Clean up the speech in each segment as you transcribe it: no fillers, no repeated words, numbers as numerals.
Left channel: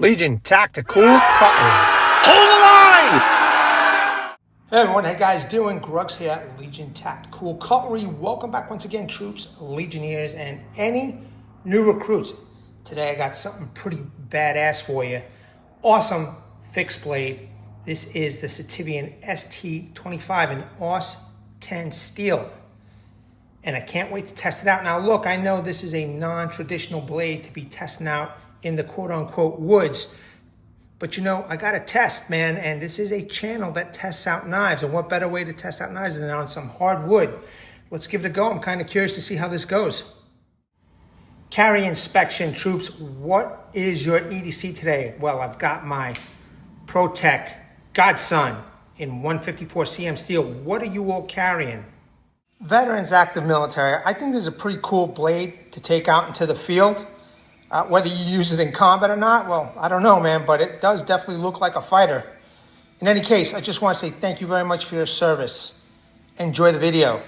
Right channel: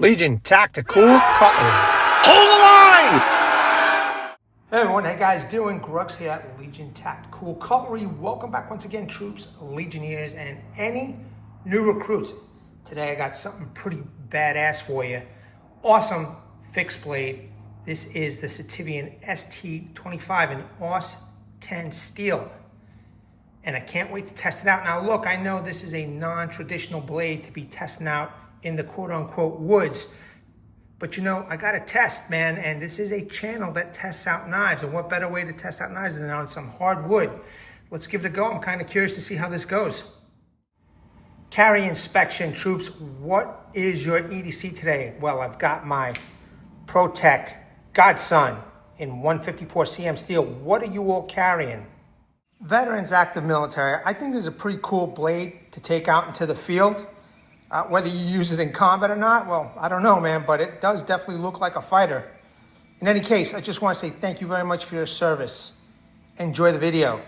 Legion Tactical Cutlery. Hold the line! Hey everyone, how you guys doing? Grugs here at Legion Tactical Cutlery. Welcome back once again, troops, Legionnaires, and any new recruits. Today I got something pretty badass for you. Awesome fixed blade. This is the Sitivien ST25 in AUS10 steel. And I can't wait to test it out. Now look, I know this is a non-traditional blade to be testing out in the quote-unquote woods, but you know, I got to test, man, and this is a channel that tests out knives, and what better way to test out knives than on some hardwood? Let's give it a go. I'm kind of curious to see how this goes. Carry inspection, troops. What is your EDC today? Well, I've got my ProTek Godson in 154 cm steel. What are you all carrying? Veterans, active military. I think this is a pretty cool blade to take out into the field. Whether you use it in combat or not, well, I don't know, man, but it does definitely look like a fighter. In any case, I just want to say thank you very much for your service. Enjoy the video.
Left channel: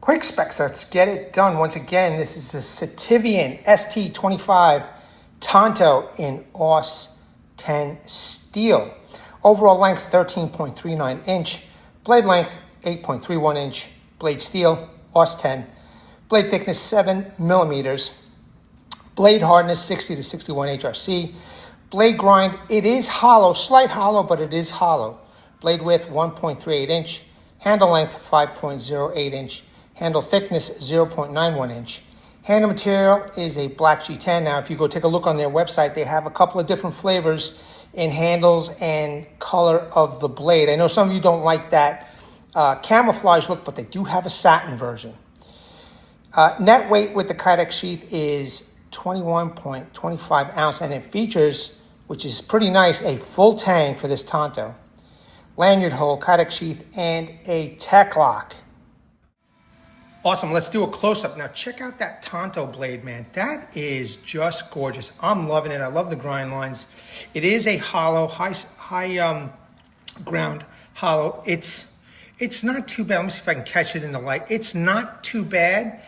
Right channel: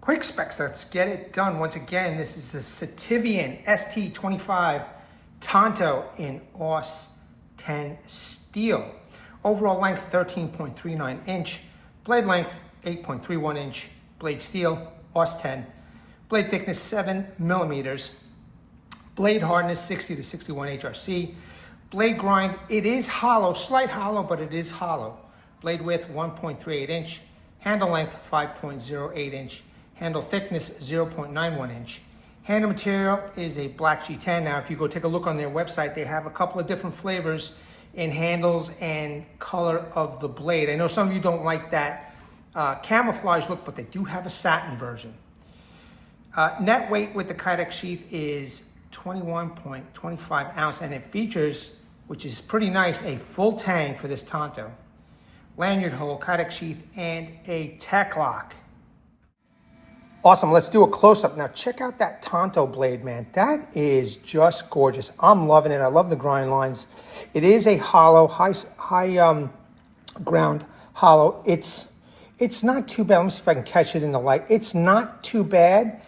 Quick specs, let's get it done. Once again, this is the Sitivien ST25 Tanto in AUS10 steel. Overall length 13.39 inch, blade length 8.31 inch, blade steel, AUS10, blade thickness 7 millimeters. Blade hardness 60 to 61 HRC. Blade grind, it is hollow, slight hollow, but it is hollow. Blade width 1.38 inch. Handle length 5.08 inch. Handle thickness 0.91 inch. Handle material is a black G10. Now, if you go take a look on their website, they have a couple of different flavors in handles and color of the blade. I know some of you don't like that camouflage look, but they do have a satin version. Net weight with the Kydex sheath is 21.25 ounce, and it features, which is pretty nice, a full Tang for this Tanto, lanyard hole, Kydex sheath, and a TekLok. Awesome, let's do a close-up. Now check out that Tanto blade, man. That is just gorgeous. I'm loving it. I love the grind lines. It is a hollow, high ground hollow. It's not too bad. Let me see if I can catch it in the light. It's not too bad.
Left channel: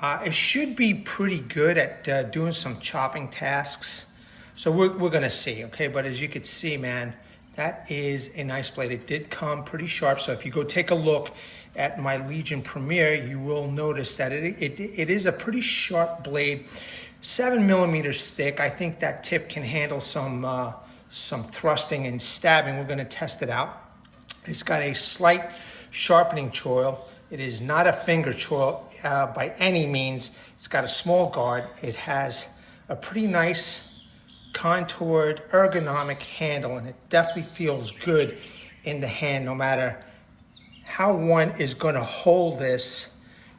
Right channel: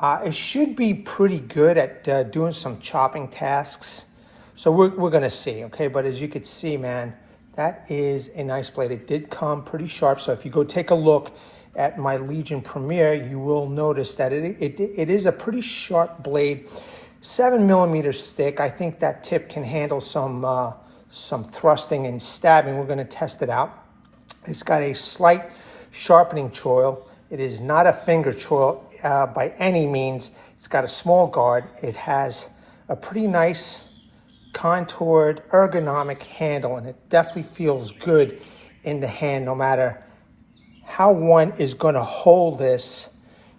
It should be pretty good at doing some chopping tasks. So we're gonna see, okay? But as you can see, man, that is a nice blade. It did come pretty sharp. So if you go take a look at my Legion Premiere, you will notice that it is a pretty sharp blade, 7 millimeters thick. I think that tip can handle some thrusting and stabbing. We're gonna test it out. It's got a slight sharpening choil. It is not a finger choil by any means. It's got a small guard. It has a pretty nice contoured ergonomic handle, and it definitely feels good in the hand no matter how one is going to hold this.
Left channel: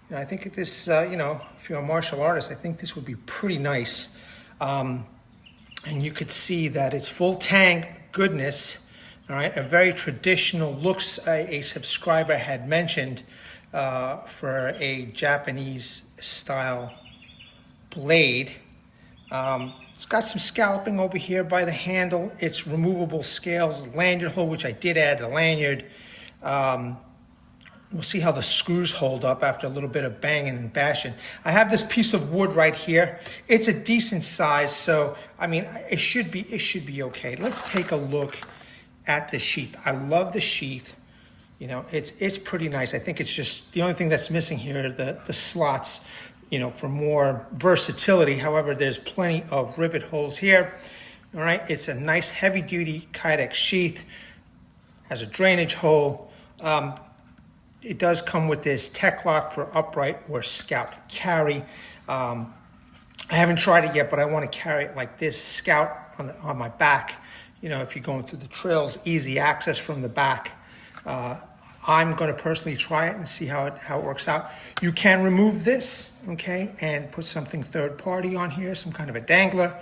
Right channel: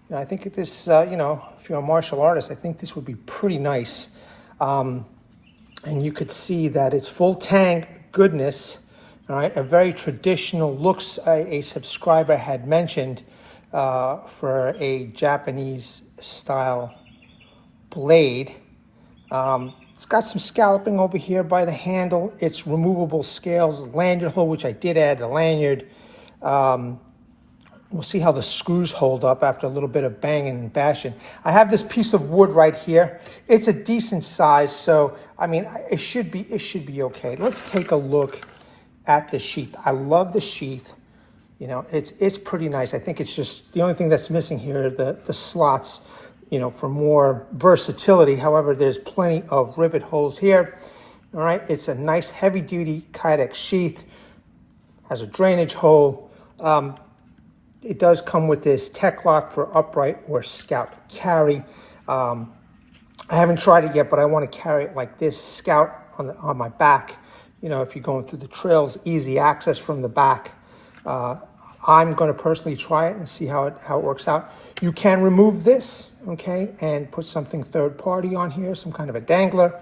You know, I think this, you know, if you're a martial artist, I think this would be pretty nice. And you could see that it's full Tang goodness. All right, a very traditional looks a subscriber had mentioned for a Japanese style blade. It's got some scalloping over here by the handle. It's removable scales, lanyard hole, which I did add a lanyard. We'll see how the screws hold up after a little bit of banging and bashing. I have this piece of wood right here. It's a decent size, so I mean, it should be okay. Let's take a look at the sheath. I love the sheath. You know, it's pretty nice. I think it's just the only thing that's missing here are the slots, you know, for more versatility. However, there's plenty of rivet holes here. All right, it's a nice heavy duty Kydex sheath, has a drainage hole. It does come with this TekLok for upright or scout carry. I haven't tried it yet, but I want to carry it like this, scout on my back. You know, if you're going through the trails, easy access from the back. I'm going to personally try it and see how it works out. You can remove this, okay, and put something third party on here, some kind of a dangler,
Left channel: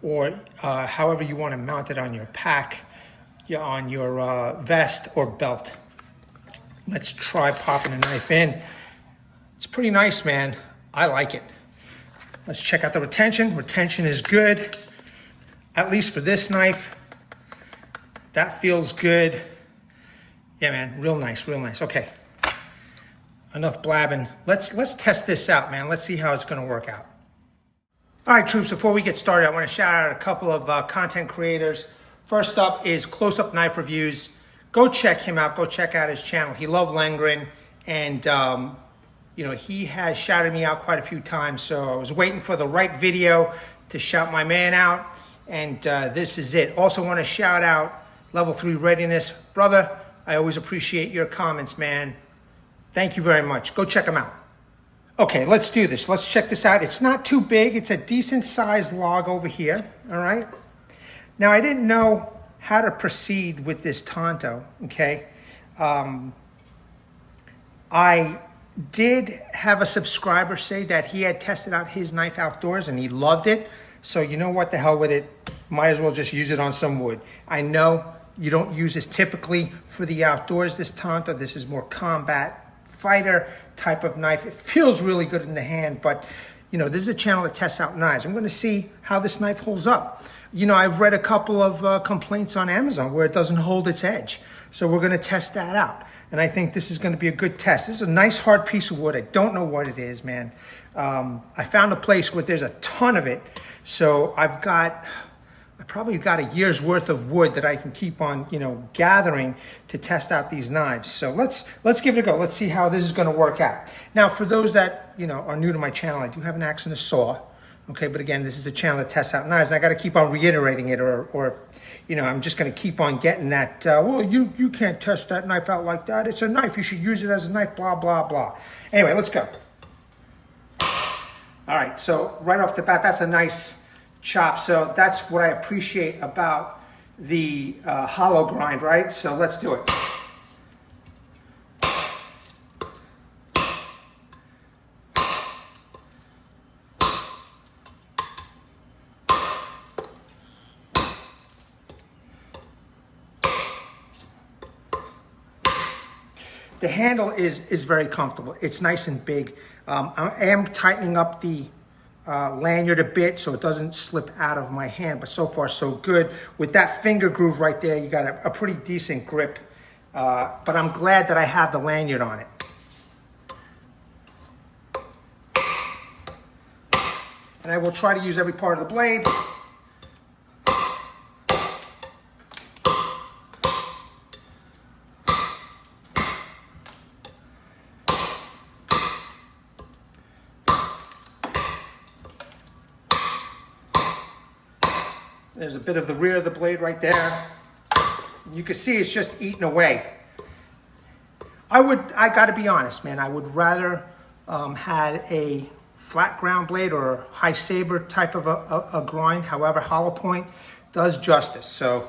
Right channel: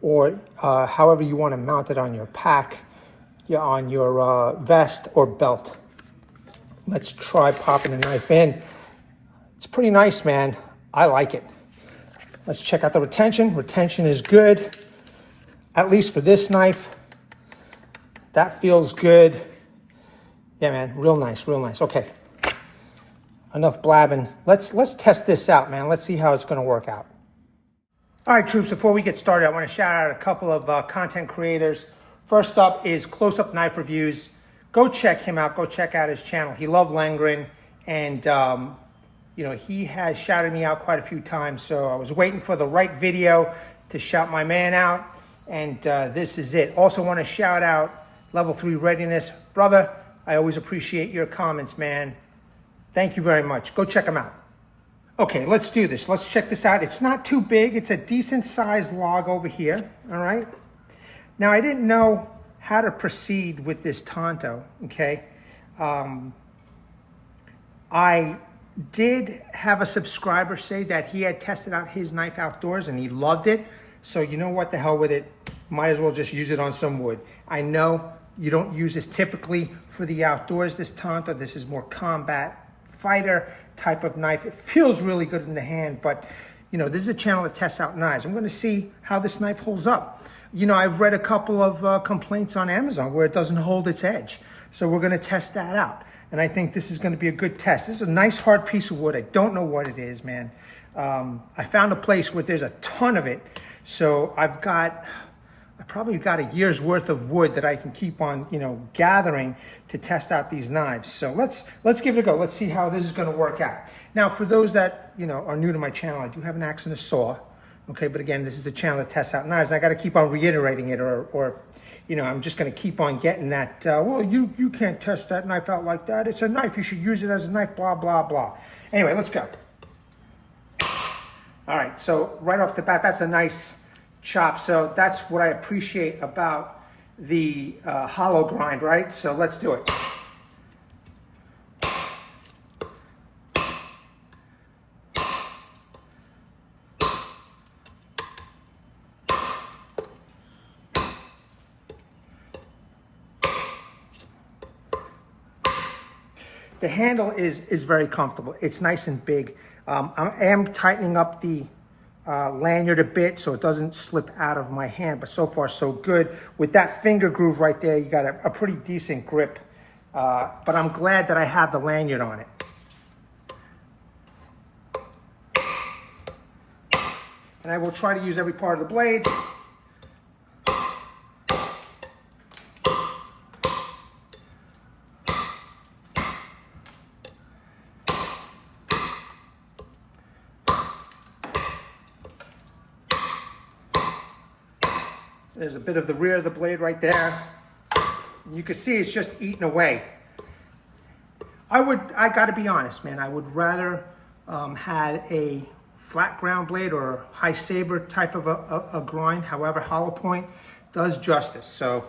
or however you want to mount it on your pack, on your vest or belt. Let's try popping a knife in. It's pretty nice, man. I like it. Let's check out the retention. Retention is good, at least for this knife. That feels good. Yeah, man, real nice, real nice. Okay, enough blabbing. Let's test this out, man. Let's see how it's gonna work out. All right, troops, before we get started, I want to shout out a couple of content creators. First up is Close-Up Knife Reviews. Go check him out. Go check out his channel. He loves Langren, and you know, he has shouted me out quite a few times, so I was waiting for the right video to shout my man out, and this is it. Also want to shout out Level 3 Readiness. Brother, I always appreciate your comments, man. Thank you very much. Go check him out. Okay, let's do this. Let's check this out. It's not too big. It's a decent sized log over here, all right? Now, I didn't know how to proceed with this Tanto, okay? I did have a subscriber say that he had tested out his knife outdoors and he loved it. So you know what, the hell with it. Might as well just use it on some wood. I know you don't use this typically for the outdoors, this Tanto. This is more combat fighter type of knife. It feels really good in the hand, but you know, this is a channel that tests out knives. I'm going to see how this knife holds up. You know, I've read a couple of complaints on Amazon where it doesn't hold its edge. So we're going to test that out. And I think this is going to be a good test. This is a nice hard piece of wood. I don't know what it is, man. I found a place where there's a ton of it. So I probably got a year's worth of wood that I can keep on, you know, gathering to test out these knives. So let's give it a go. Let's see how this is going to work out. Now, for those that, you know, are new to my channel, I do have an axe and a saw. Okay, but again, this is a channel that tests out knives. And I got to keep on reiterating it, or you know, I'm just going to keep on getting that. Well, you can't test that knife out like that. It's a knife. You should use it as a knife. Blah blah blah. Anyway, let's go. All right. So right off the bat, that's a nice chop. So that's what I appreciate about the hollow grind, right? So let's do it. The handle is very comfortable. It's nice and big. I am tightening up the lanyard a bit so it doesn't slip out of my hand, but so far so good. With that finger groove right there, you got a pretty decent grip, but I'm glad that I have the lanyard on it. And I will try to use every part of the blade. There's a bit of the rear of the blade right there. You can see it's just eating away. I gotta be honest, man, I would rather had a flat ground blade or a high saber type of a grind. However, hollow point does justice. So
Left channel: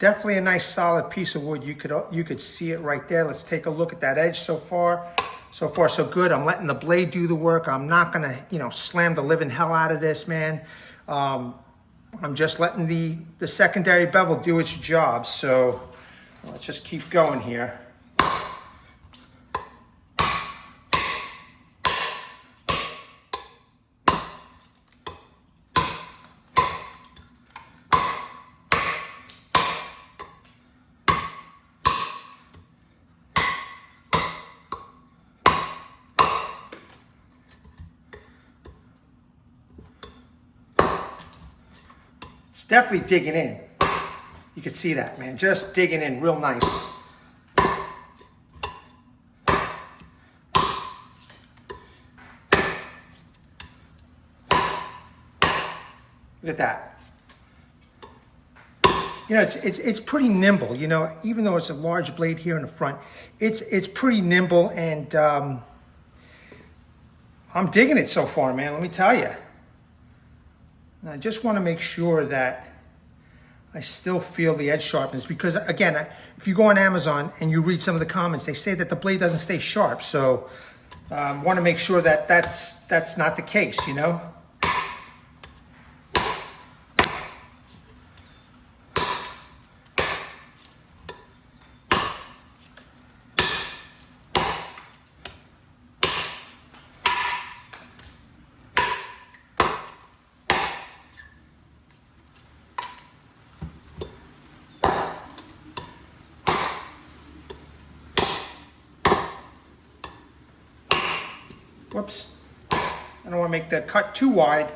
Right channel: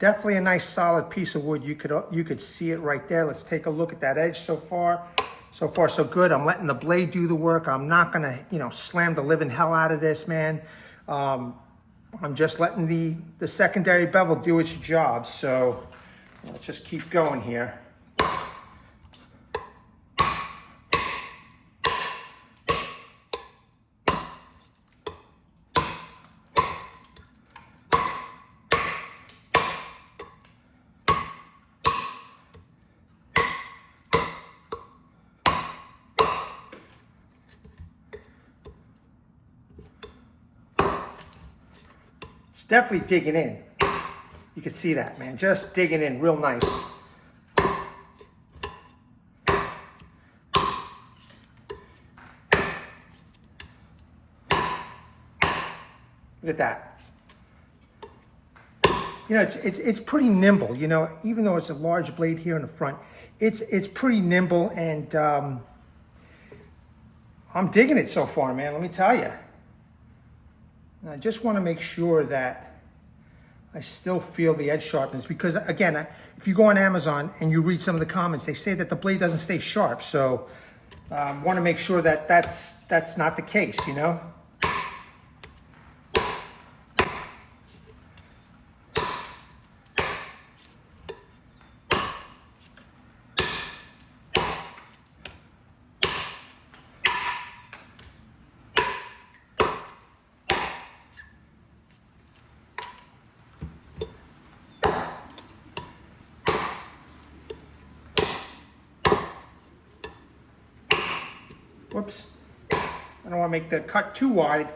definitely a nice solid piece of wood. You could see it right there. Let's take a look at that edge so far. So far so good. I'm letting the blade do the work. I'm not gonna, you know, slam the living hell out of this, man. I'm just letting the secondary bevel do its job. So let's just keep going here. It's definitely digging in. You can see that, man. Just digging in real nice. Look at that. You know, it's pretty nimble. You know, even though it's a large blade here in the front, it's pretty nimble, and I'm digging it so far, man. Let me tell you. And I just want to make sure that I still feel the edge sharpness, because again, if you go on Amazon and you read some of the comments, they say that the blade doesn't stay sharp. So Want to make sure that that's not the case, you know. Whoops, I don't want to make the cut too wide.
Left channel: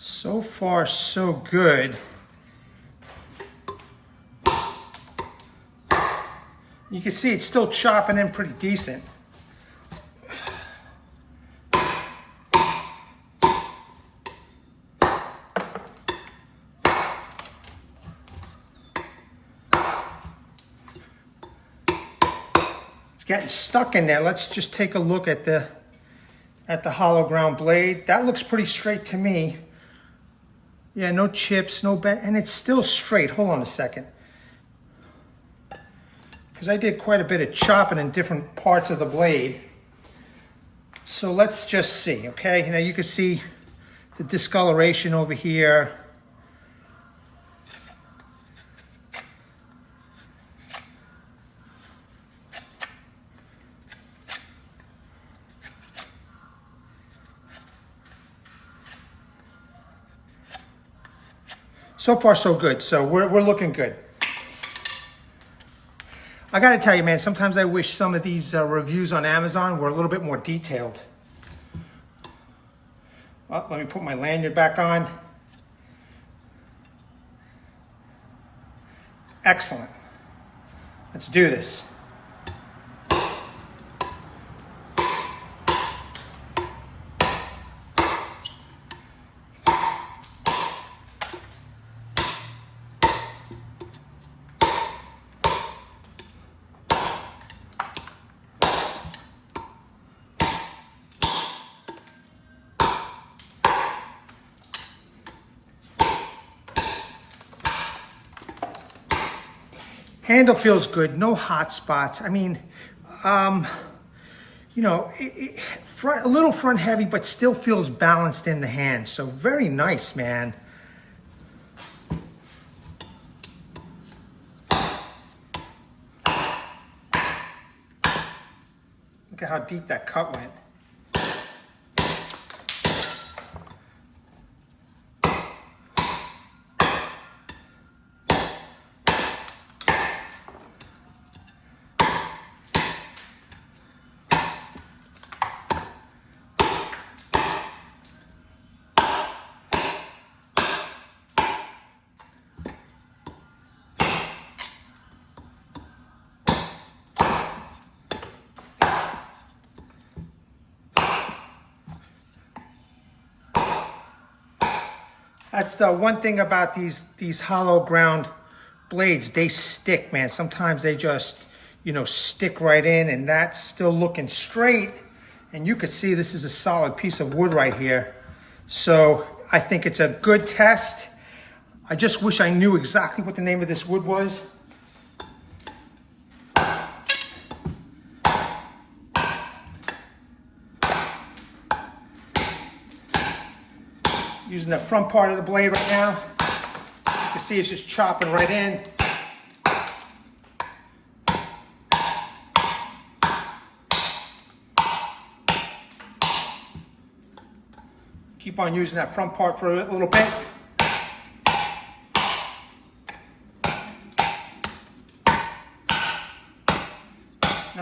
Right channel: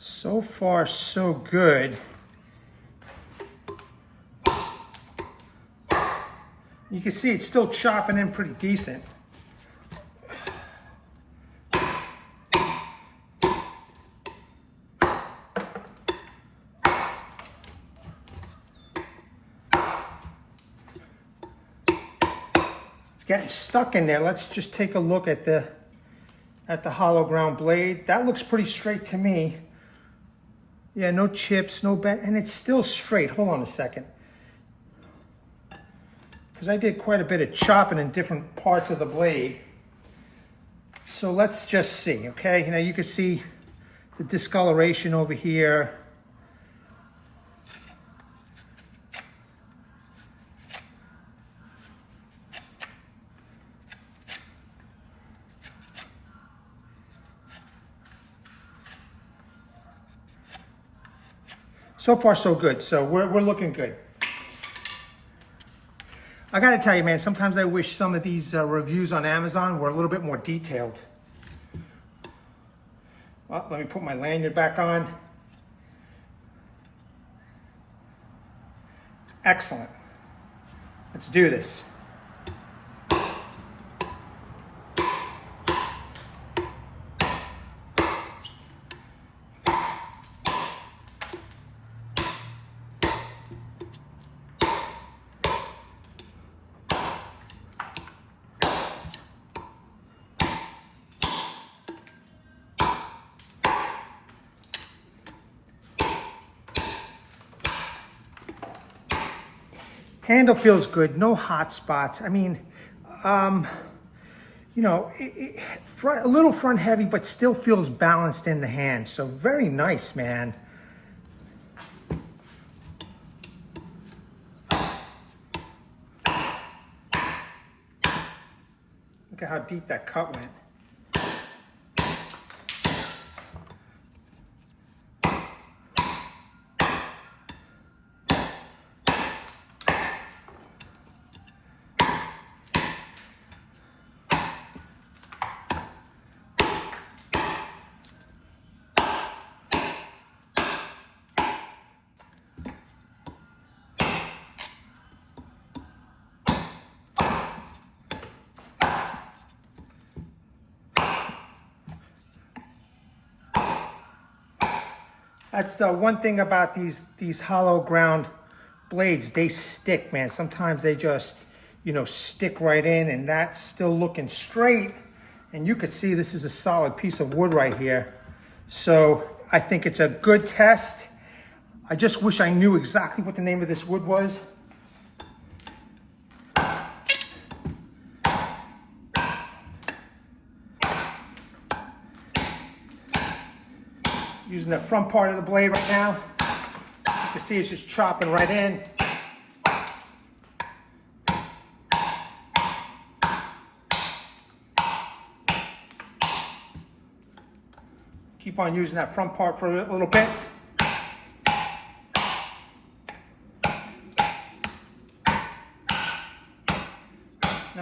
So far, so good. You can see it's still chopping in pretty decent. It's getting stuck in there. Let's just take a look at the hollow ground blade. That looks pretty straight to me. Yeah, no chips, no bend, and it's still straight. Hold on a second. Because I did quite a bit of chopping in different parts of the blade. So let's just see, okay? Now you can see the discoloration over here. So far, so good. So we're looking good. I got to tell you, man, sometimes I wish some of these reviews on Amazon were a little bit more detailed. Well, let me put my lanyard back on. Excellent. Let's do this. Handle feels good, no hot spots. I mean, you know, a little front heavy, but still feels balanced in the hand. So very nice, man. Look at how deep that cut went. That's the one thing about these hollow ground blades. They stick, man. Sometimes they just, you know, stick right in, and that's still looking straight. And you can see this is a solid piece of wood right here. So I think it's a good test. I just wish I knew exactly what the name of this wood was. Using the front part of the blade right now. You can see it's just chopping right in. Keep on using that front part for a little bit.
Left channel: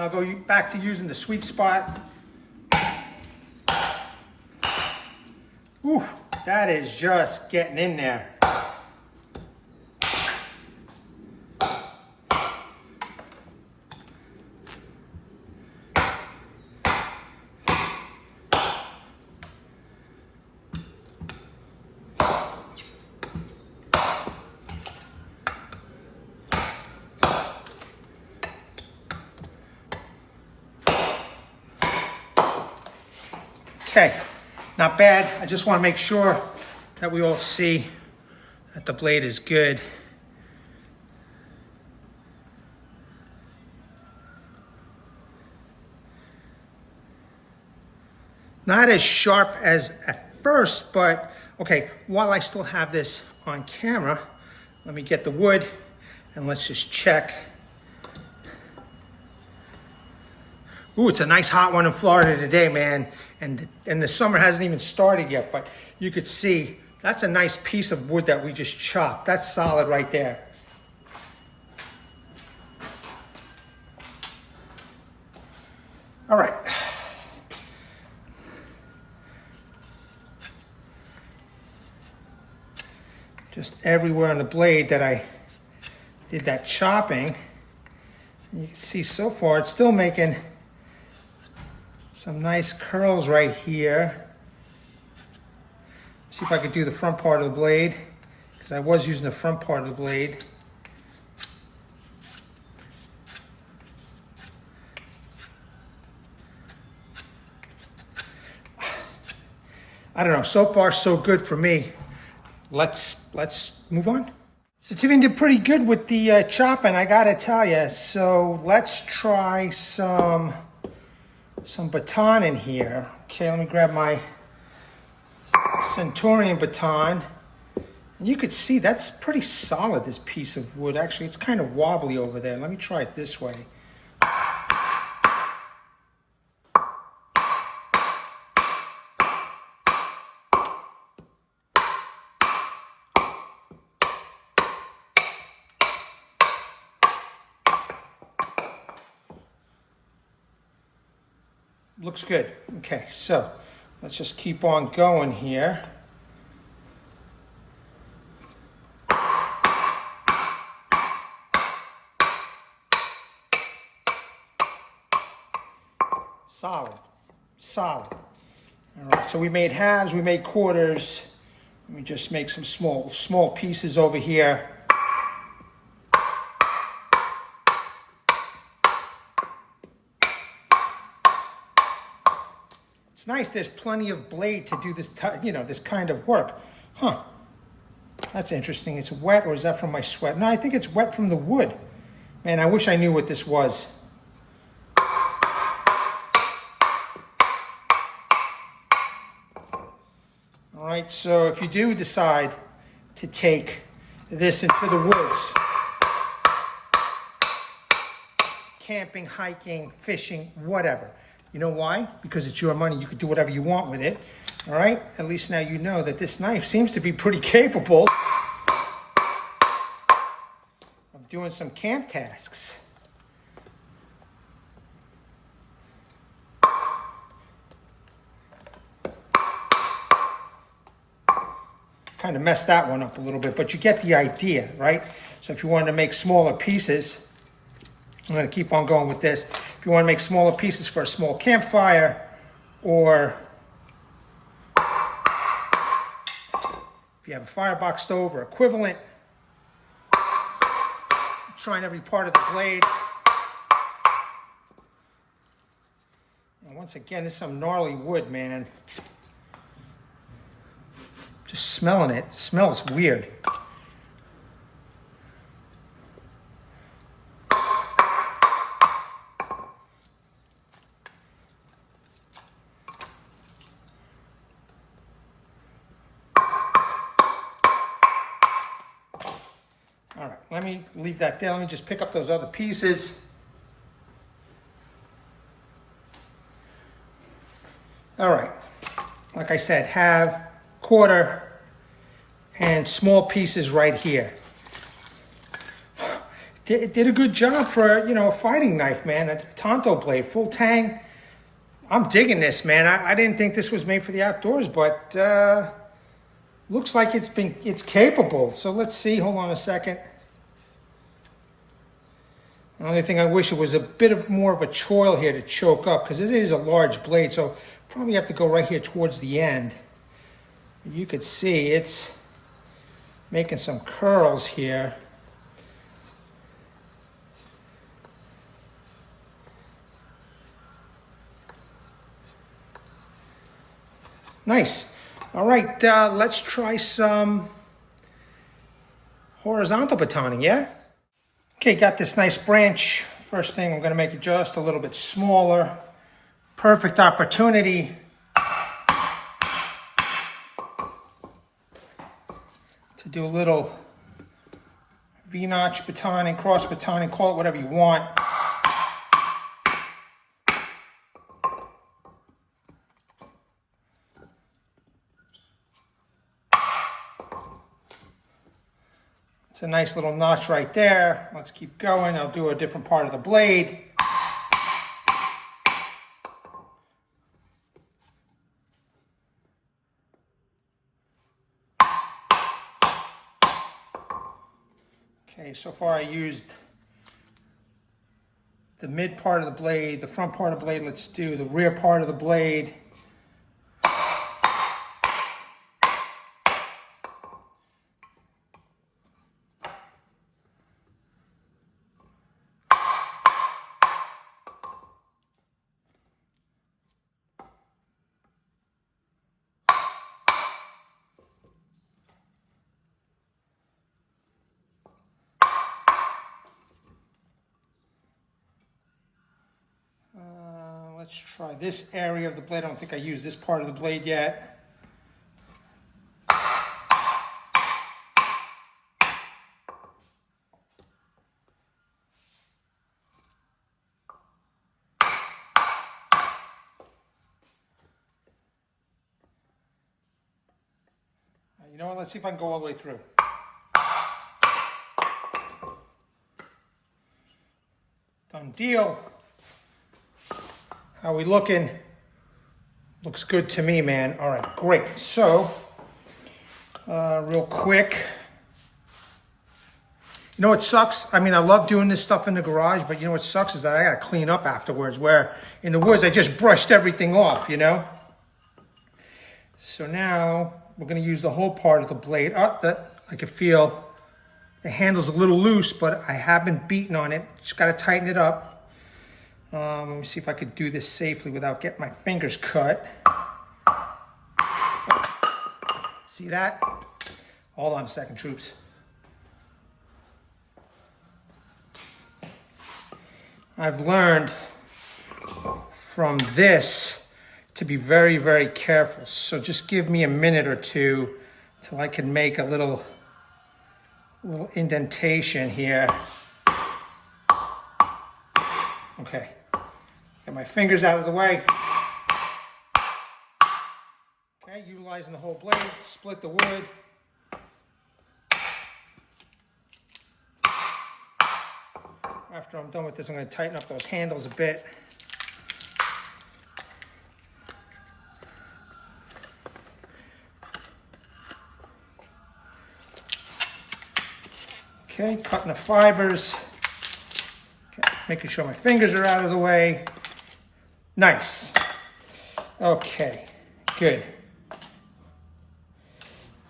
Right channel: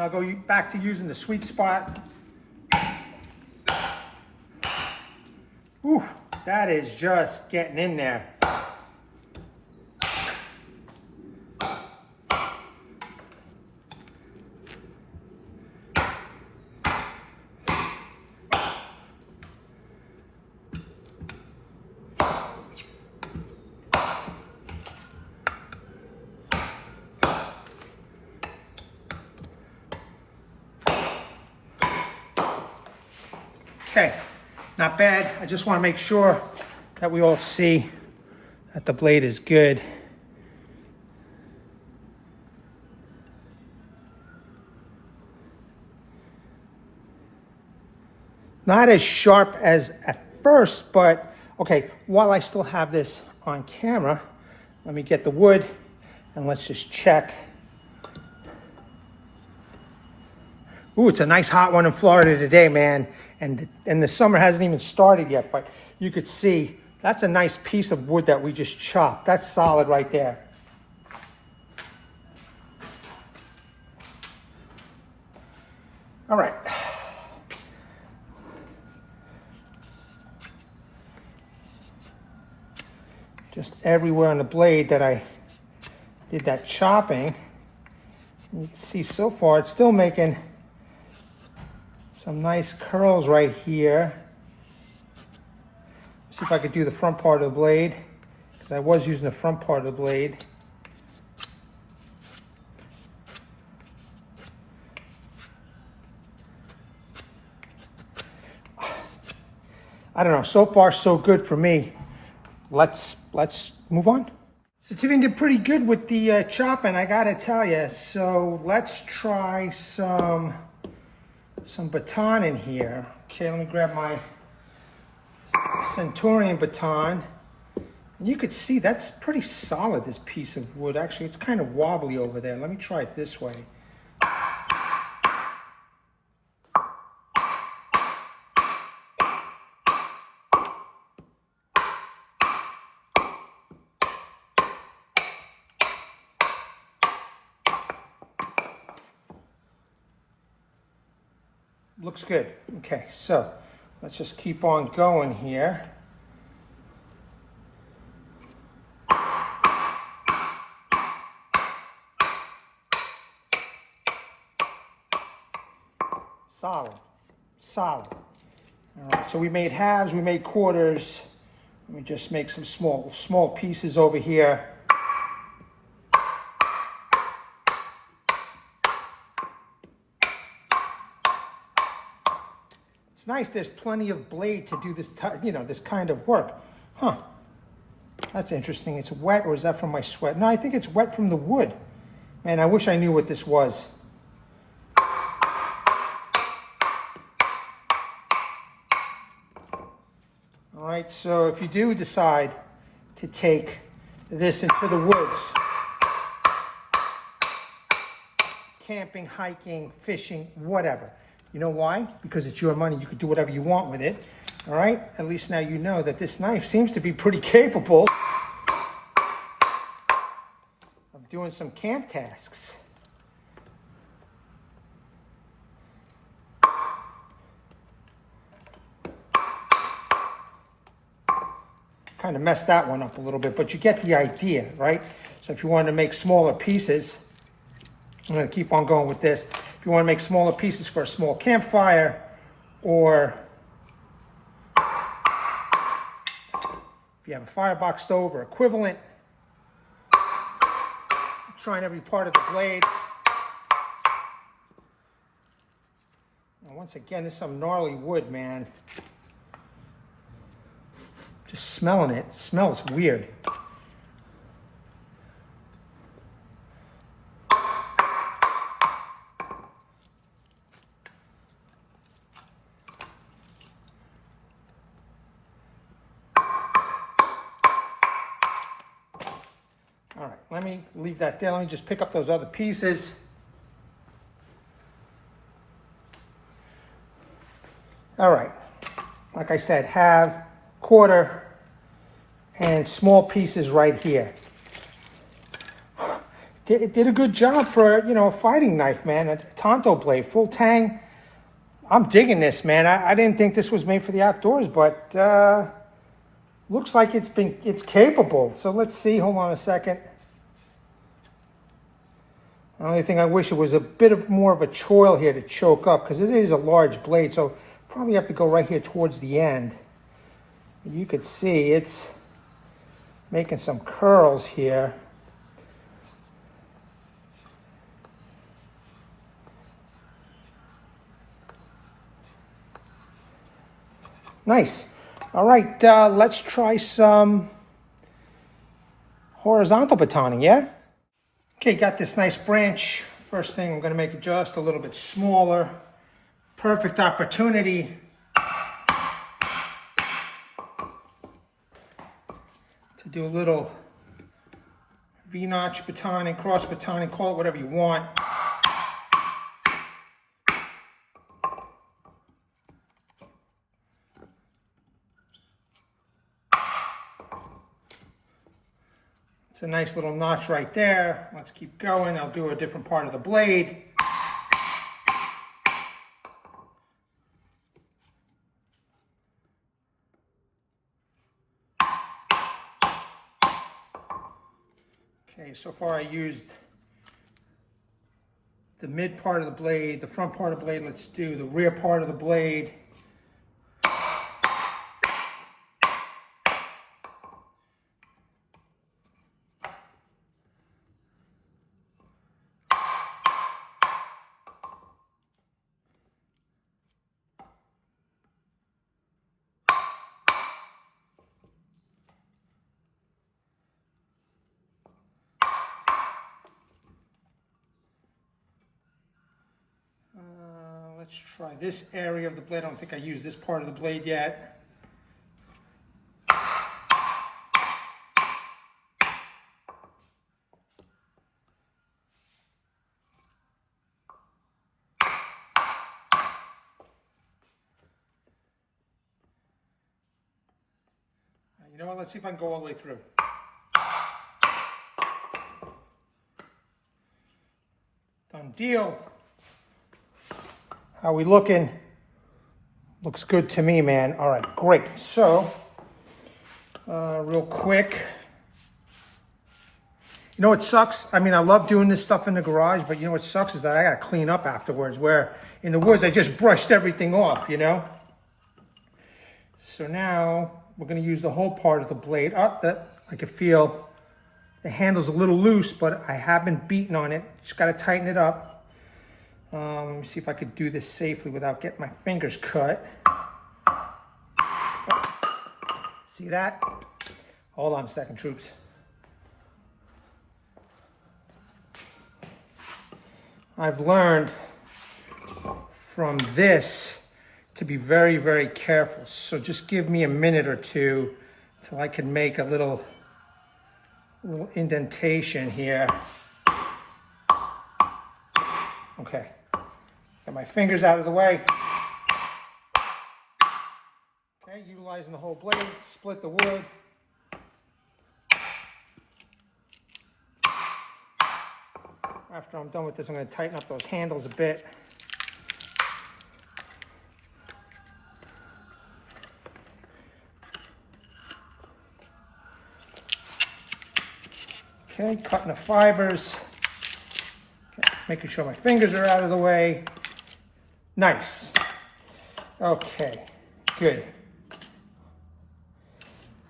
I'll go back to using the sweet spot. Ooh, that is just getting in there. Okay, not bad. I just want to make sure that we all see that the blade is good. Not as sharp as at first, but okay, while I still have this on camera, let me get the wood and let's just check. Ooh, it's a nice hot one in Florida today, man. And the summer hasn't even started yet, but you could see that's a nice piece of wood that we just chopped. That's solid right there. All right. Just everywhere on the blade that I did that chopping, and you can see so far it's still making some nice curls right here. See if I could do the front part of the blade, because I was using the front part of the blade. I don't know, so far so good for me. Let's move on. Sitivien did pretty good with the chopping, I gotta tell you. So let's try some baton in here. Okay, let me grab my Centurion baton. And you could see that's pretty solid, this piece of wood. Actually, it's kind of wobbly over there. Let me try it this way. Looks good. Okay, so let's just keep on going here. Solid, solid. All right, so we made halves, we made quarters. Let me just make some small pieces over here. It's nice, there's plenty of blade to do this, this kind of work. Huh, that's interesting. It's wet, or is that from my sweat? No, I think it's wet from the wood. Man, I wish I knew what this was. All right, so if you do decide to take this into the woods, camping, hiking, fishing, whatever. You know why? Because it's your money. You could do whatever you want with it. All right? At least now you know that this knife seems to be pretty capable of doing some camp tasks. Kind of messed that one up a little bit, but you get the idea, right? So if you wanted to make smaller pieces, I'm going to keep on going with this. If you want to make smaller pieces for a small campfire, or if you have a firebox stove or equivalent, trying every part of the blade. And once again, this is some gnarly wood, man. Just smelling it, smells weird. All right, let me leave that there. Let me just pick up those other pieces. All right, like I said, have quarter and small pieces right here. it did a good job for, you know, a fighting knife, man. A Tanto blade, full Tang. I'm digging this, man. I didn't think this was made for the outdoors, but looks like it's capable. So let's see. Hold on a second. The only thing I wish it was a bit more of a choil here to choke up, because it is a large blade, so probably have to go right here towards the end. You could see it's making some curls here. Nice. All right, let's try some horizontal batoning, yeah? Okay, got this nice branch. First thing, I'm gonna make it just a little bit smaller. Perfect opportunity to do a little V-notch batoning, cross batoning, call it whatever you want. It's a nice little notch right there. Let's keep going. I'll do a different part of the blade. Okay, so far I used the mid part of the blade, the front part of the blade. Let's do the rear part of the blade. Let's try this area of the blade. I don't think I used this part of the blade yet. You know what? Let's see if I can go all the way through. Done deal. How we looking? Looks good to me, man. All right, great. So, real quick. You know what sucks? I mean, I love doing this stuff in the garage, but you know what sucks is that I gotta clean up afterwards, where in the woods I just brushed everything off, you know? So now we're gonna use the whole part of the blade. I can feel the handle's a little loose, but I haven't beaten on it. Just gotta tighten it up. Let me see if I could do this safely without getting my fingers cut. See that? Hold on a second, troops. I've learned from this to be very, very careful. So just give me a minute or two till I can make a little indentation here. Okay. Get my fingers out of the way. Okay, utilizing the whole blade, split the wood. After I'm done with this, I'm going to tighten up those handles a bit. Okay, cutting the fibers. Okay, making sure my fingers are out of the way. Nice. Okay, good.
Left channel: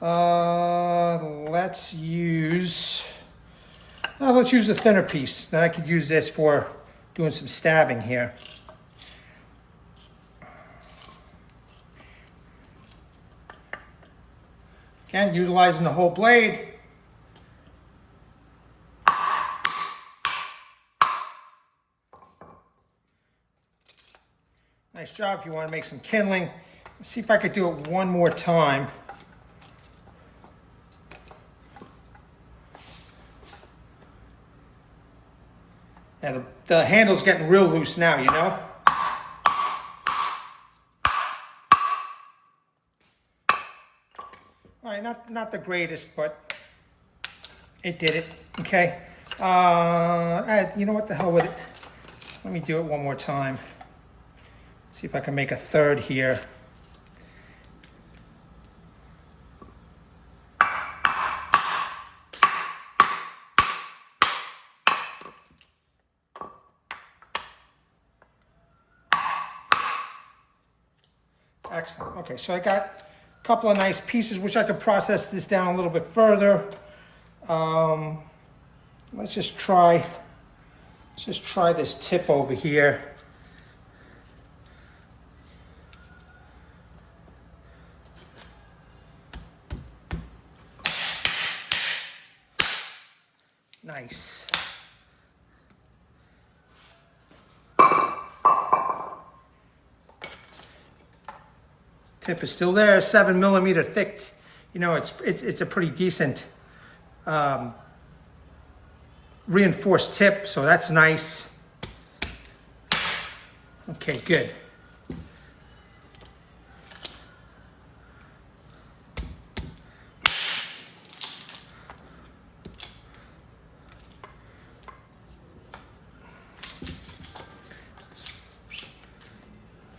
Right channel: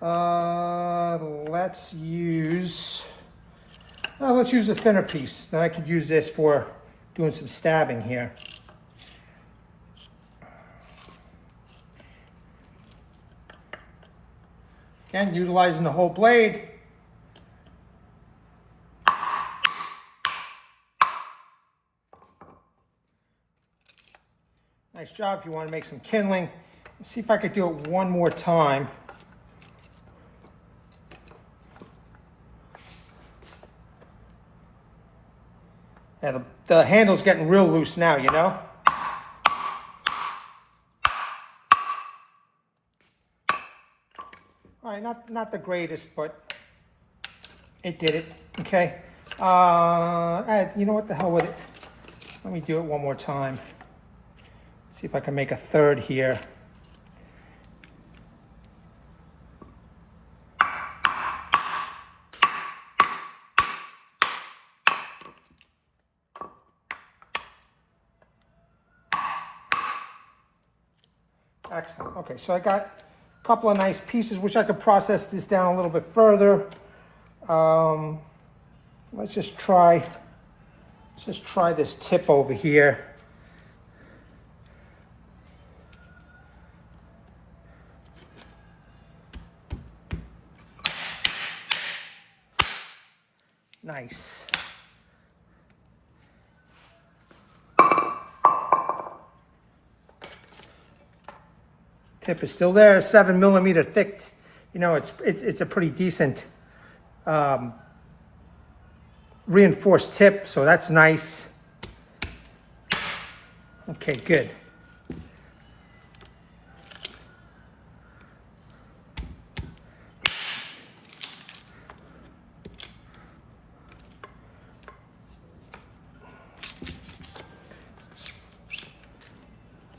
Let's use the thinner piece. Then I could use this for doing some stabbing here. Again, utilizing the whole blade. Nice job. If you want to make some kindling, let's see if I could do it one more time. Yeah, the handle's getting real loose now, you know? All right, not the greatest, but it did it, okay? You know what, the hell with it. Let me do it one more time. See if I can make a third here. Excellent. Okay, so I got a couple of nice pieces, which I could process this down a little bit further. Let's just try this tip over here. Nice. Tip is still there, 7 millimeter thick. You know, it's a pretty decent reinforced tip, so that's nice. Okay, good.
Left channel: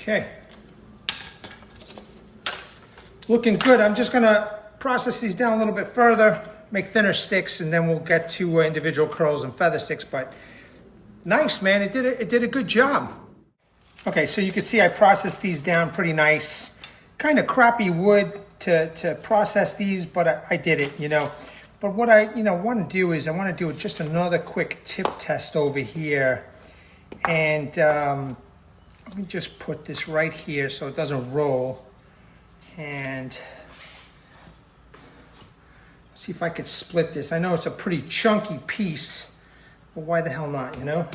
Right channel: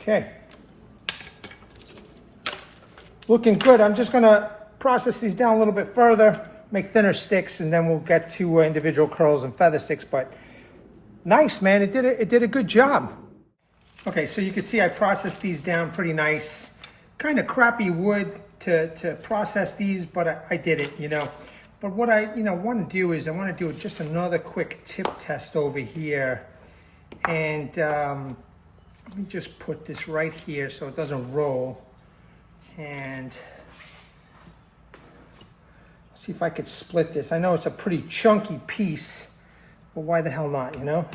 Okay. Looking good. I'm just gonna process these down a little bit further, make thinner sticks, and then we'll get to individual curls and feather sticks. But nice, man. It did a good job. Okay, so you can see I processed these down pretty nice. Kind of crappy wood to process these, but I did it, you know. But what I want to do is I want to do just another quick tip test over here, and let me just put this right here so it doesn't roll. And see if I could split this. I know it's a pretty chunky piece, but why the hell not, you know?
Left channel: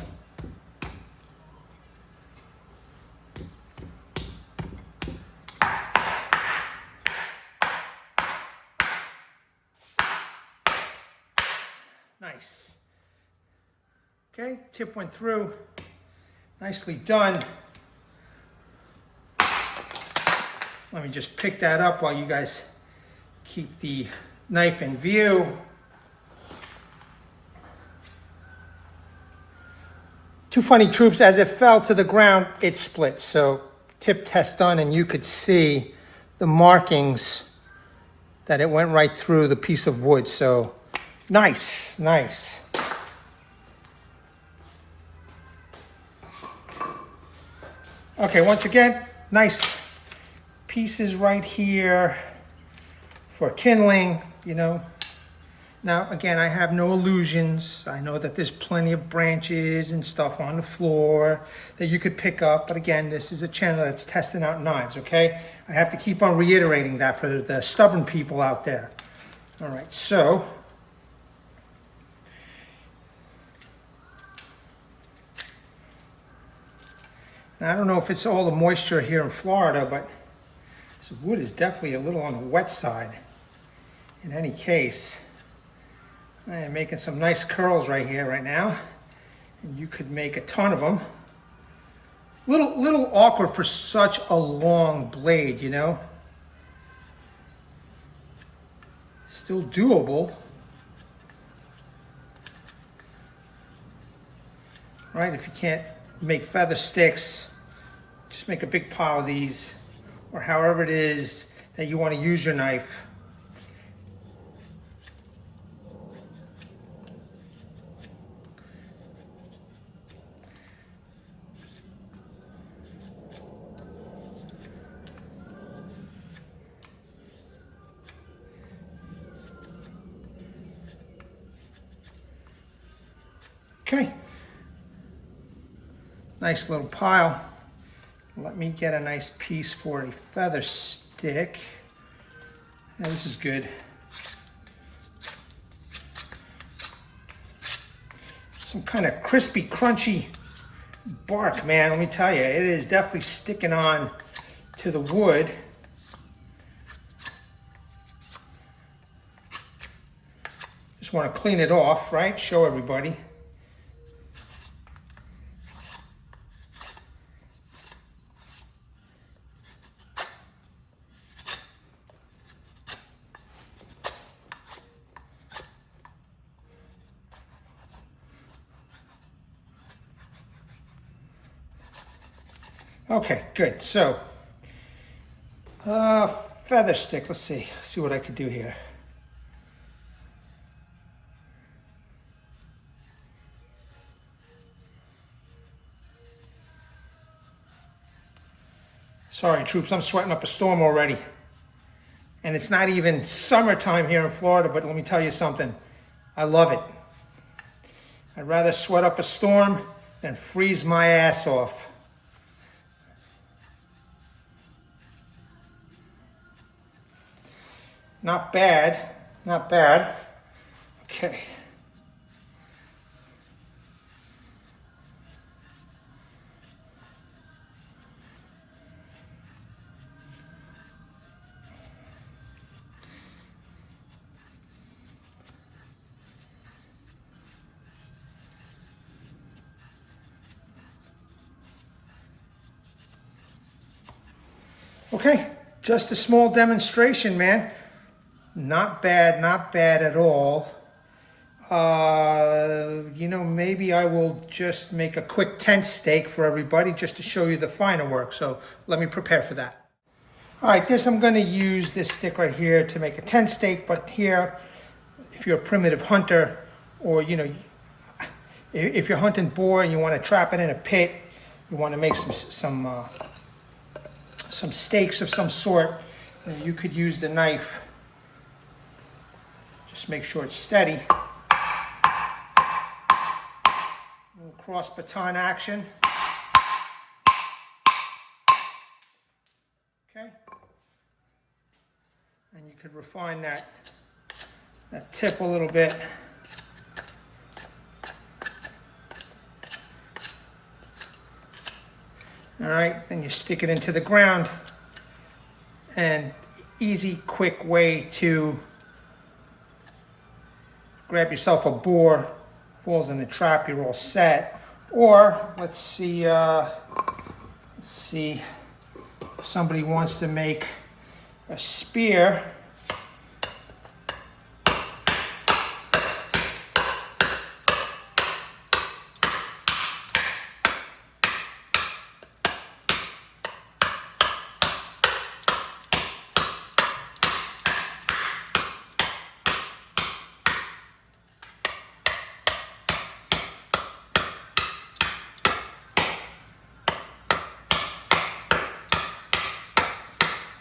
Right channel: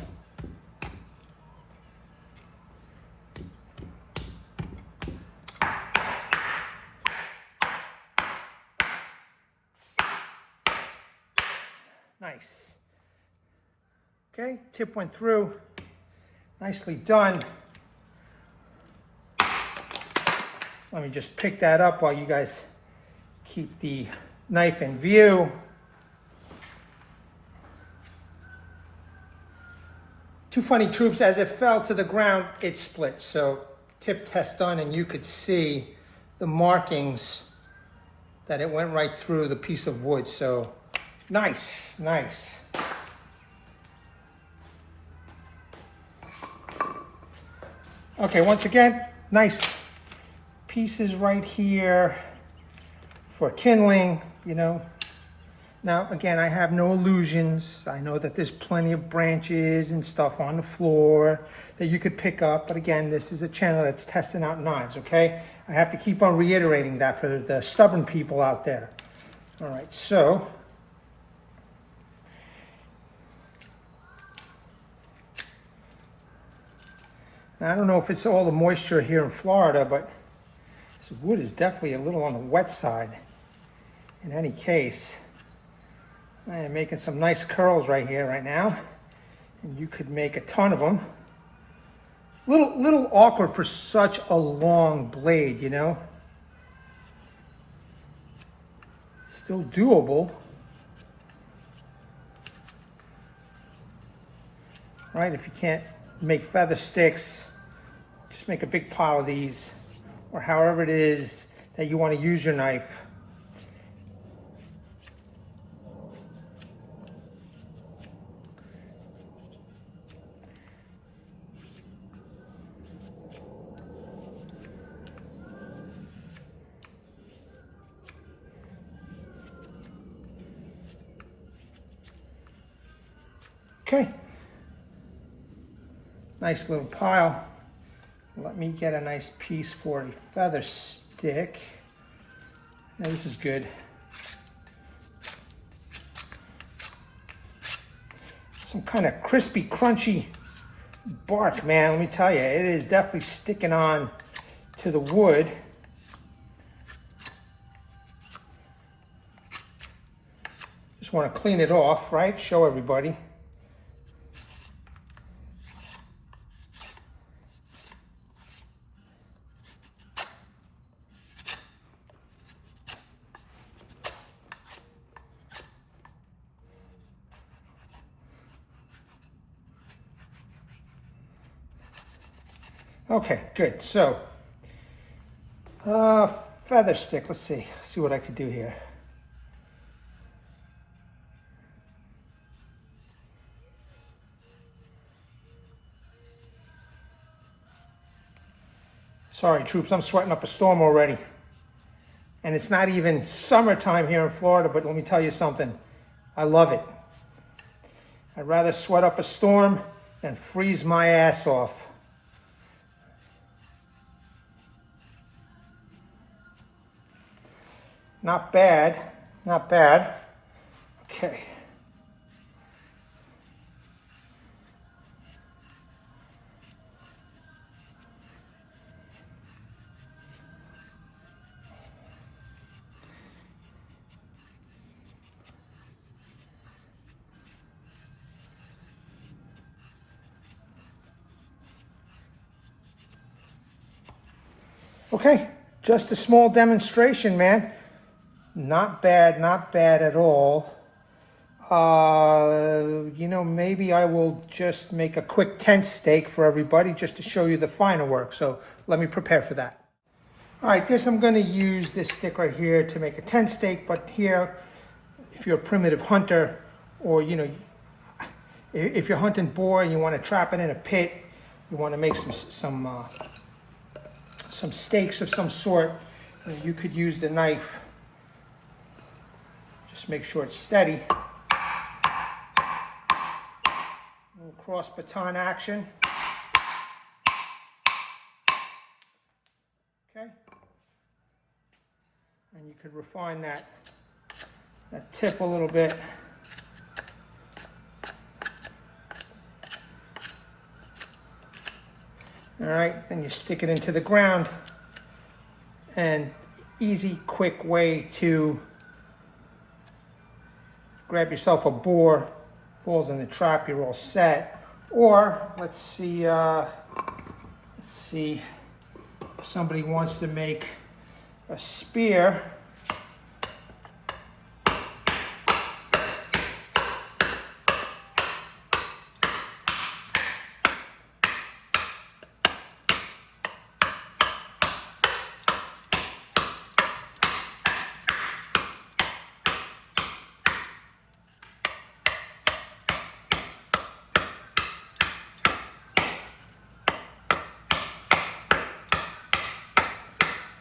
Nice. Okay, tip went through. Nicely done. Let me just pick that up while you guys keep the knife in view. Too funny, troops, as it fell to the ground, it split. So tip test done, and you could see the markings that it went right through the piece of wood. So nice, nice. Okay, once again, nice pieces right here for kindling, you know. Now, again, I have no illusions. I know that there's plenty of branches and stuff on the floor that you could pick up. But again, this is a channel that's testing out knives, okay? I have to keep on reiterating that for the stubborn people out there. All right, so now, I don't know if it's all the moisture here in Florida, but this wood is definitely a little on the wet side. In any case, I am making some nice curls right here, right now. And you could make a ton of them. Little awkward for such a long blade, you know. Still doable. Right, if you can't make feather sticks, just make a big pile of these, or however it is that you want to use your knife. Okay. Nice little pile. Let me get a nice piece for a feather stick. Now, this is good. Some kind of crispy, crunchy bark, man. Let me tell you, it is definitely sticking on to the wood. Just want to clean it off, right? Show everybody. Okay, good. So, feather stick. Let's see what I could do here. Sorry, troops, I'm sweating up a storm already. And it's not even summertime here in Florida, but let me tell you something. I love it. I'd rather sweat up a storm than freeze my ass off. Not bad, not bad. Okay. Okay, just a small demonstration, man. Not bad at all. You know, maybe I will just make a quick tent stake for everybody just to show you the finer work. So let me prepare for that. All right, I'm going to use this stick right here to make a tent stake. But here, if you're a primitive hunter, or you know, if you're hunting boar and you want to trap it in a pit, you want to make some stakes of some sort, you could use the knife. Just make sure it's steady. A little cross baton action. Okay. And you could refine that tip a little bit. All right, then you stick it into the ground. And easy, quick way to grab yourself a boar, falls in the trap, you're all set. Or let's see if somebody wants to make a spear.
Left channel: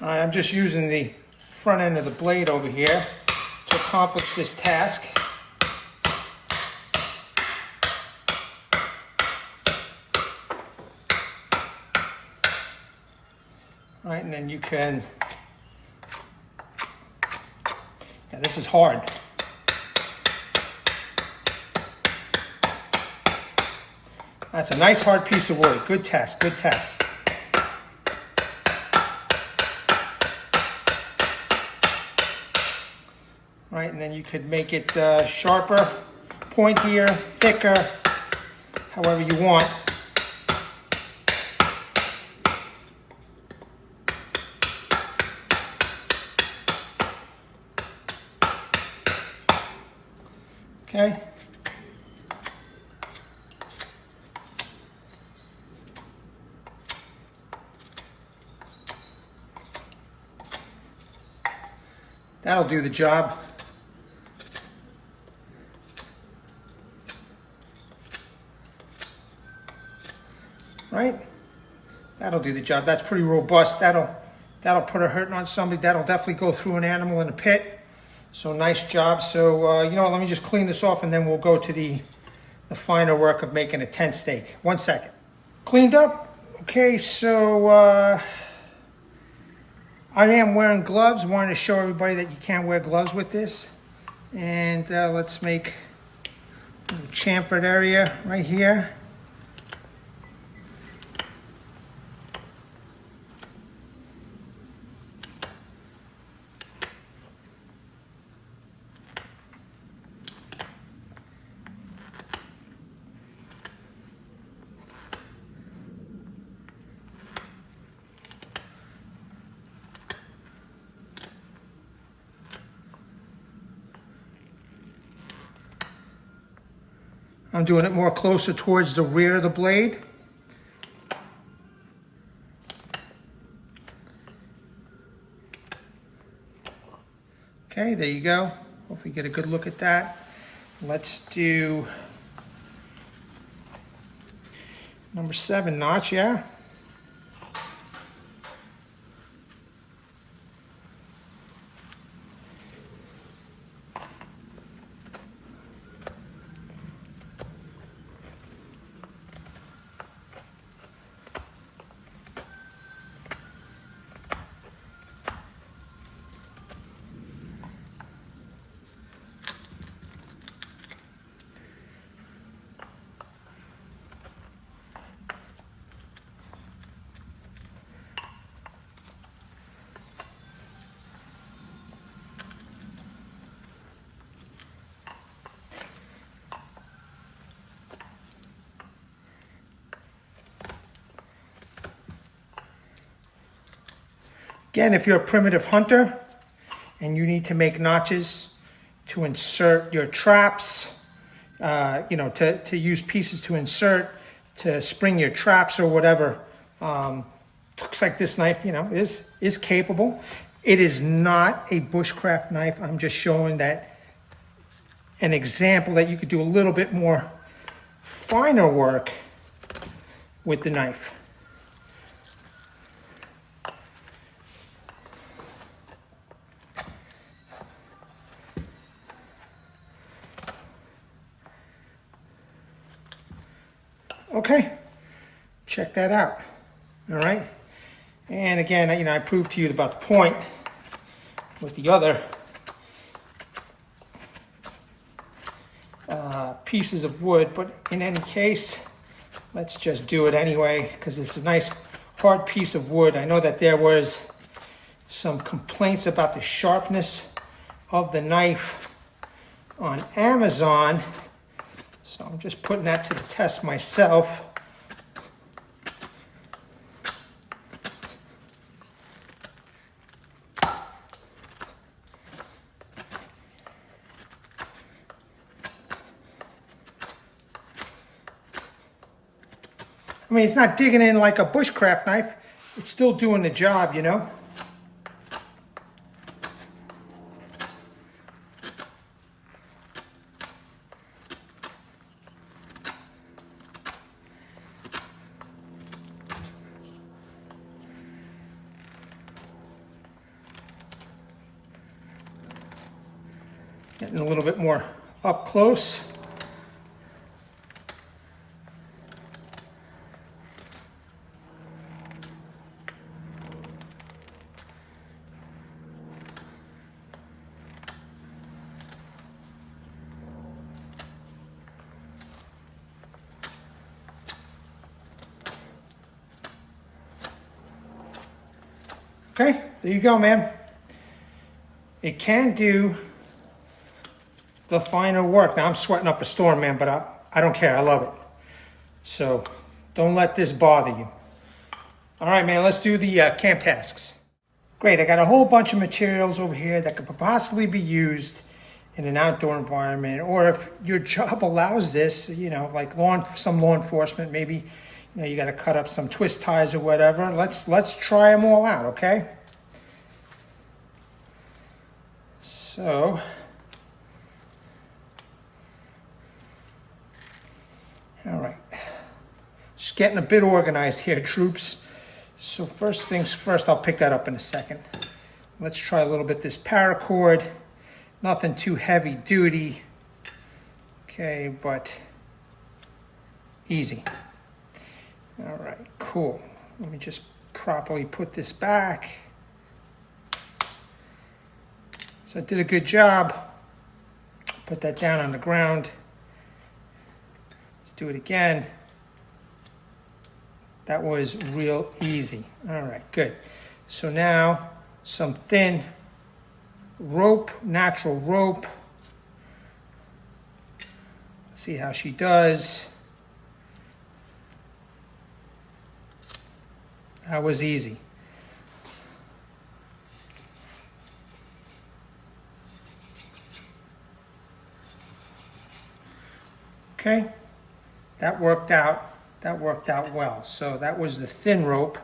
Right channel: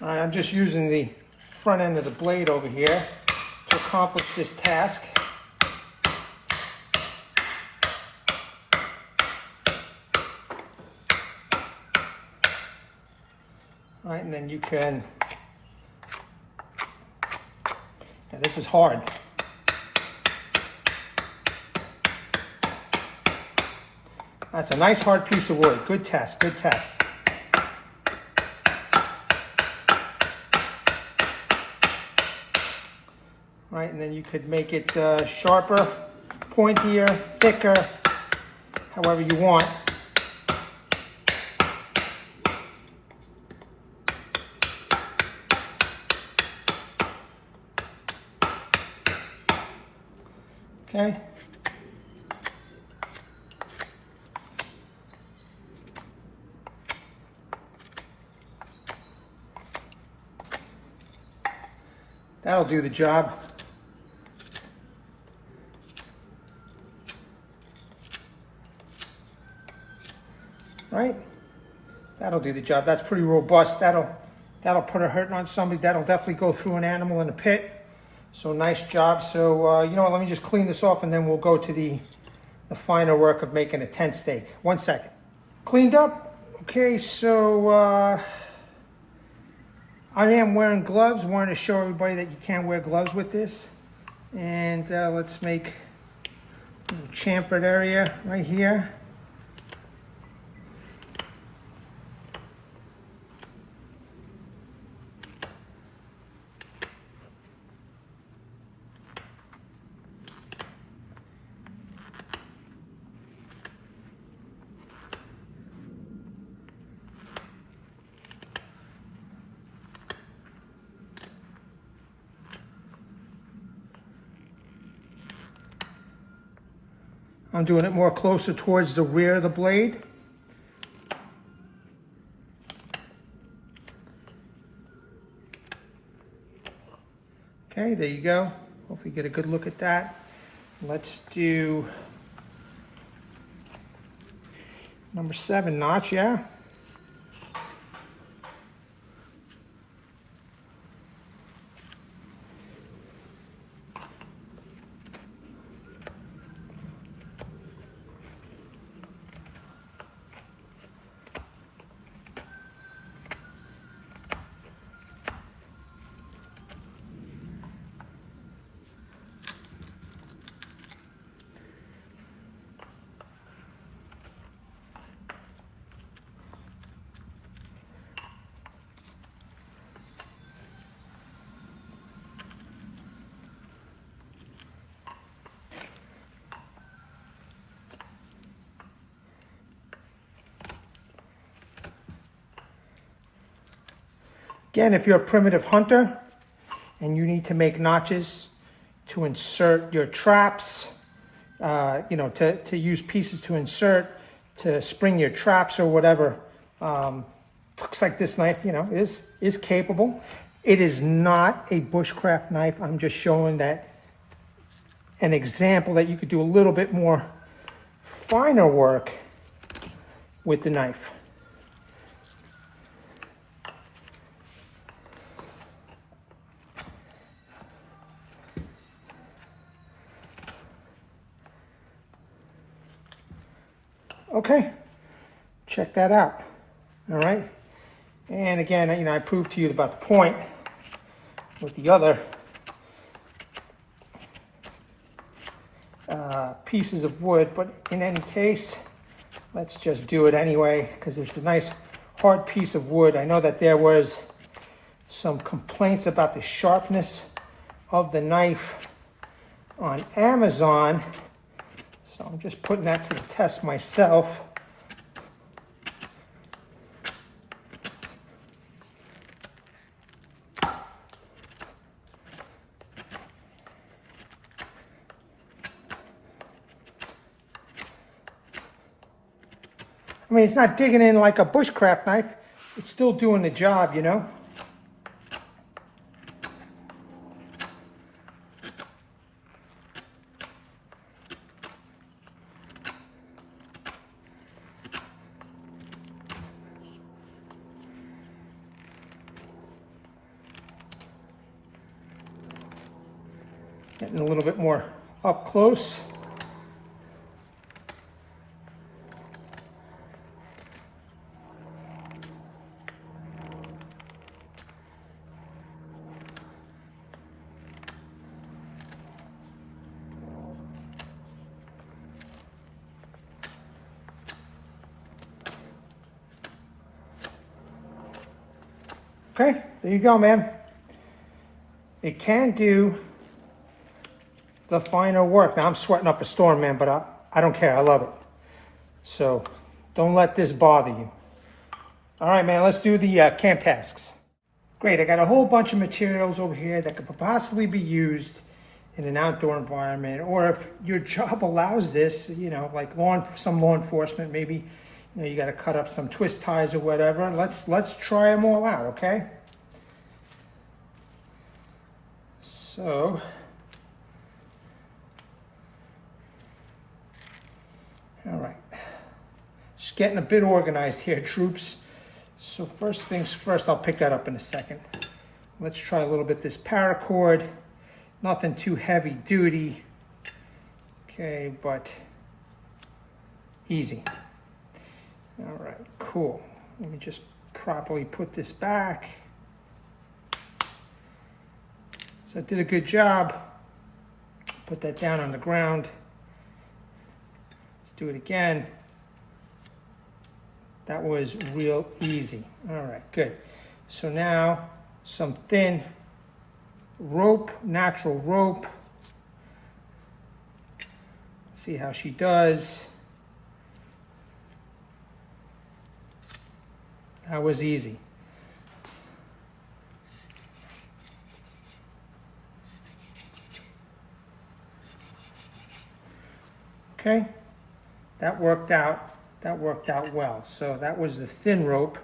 I'm just using the front end of the blade over here to accomplish this task. All right, and then you can, yeah, this is hard. That's a nice hard piece of wood. Good test, good test. Right, and then you could make it sharper, pointier, thicker, however you want. Okay. That'll do the job. Right? That'll do the job. That's pretty robust. That'll put a hurting on somebody. That'll definitely go through an animal in a pit. So nice job. So you know what, let me just clean this off and then we'll go to the finer work of making a tent stake. 1 second. Cleaned up. Okay, so I am wearing gloves. Wanted to show everybody that you can wear gloves with this. And let's make a little chamfered area right here. I'm doing it more closer towards the rear of the blade. Okay, there you go. Hopefully get a good look at that. Let's do number 7 notch, yeah. Again, if you're a primitive hunter and you need to make notches to insert your traps, to use pieces to insert, to spring your traps or whatever, looks like this knife, is capable. It is not a bushcraft knife. I'm just showing that an example that you could do a little bit more finer work with the knife. Okay, check that out. All right, and again, I proved to you about the point with the other pieces of wood, but in any case, let's just do it anyway because it's a nice hard piece of wood. I know that there was some complaints about the sharpness of the knife on Amazon. So I'm just putting that to the test myself. I mean, it's not digging in like a bushcraft knife. It's still doing the job, Getting a little bit more up close. Okay, there you go, man. It can do the finer work. Now I'm sweating up a storm, man, but I don't care. I love it. So don't let this bother you. All right, man, let's do the camp tasks. Great, I got a whole bunch of materials over here that could possibly be used in an outdoor environment, or if your job allows this, like some law enforcement, maybe, you got to cut up some twist ties or whatever. Let's try them all out, okay? So, all right, just getting a bit organized here, troops. So first things first, I'll pick that up in a second. Let's try a little bit this paracord. Nothing too heavy duty. Okay, but easy. All right, cool. Let me just properly put this back. So I did a good job. Put that down on the ground. Let's do it again. That was real easy. All right, good. So now some thin rope, natural rope. Let's see how she does. That was easy. Okay, that worked out. That worked out well. So that was the thin rope.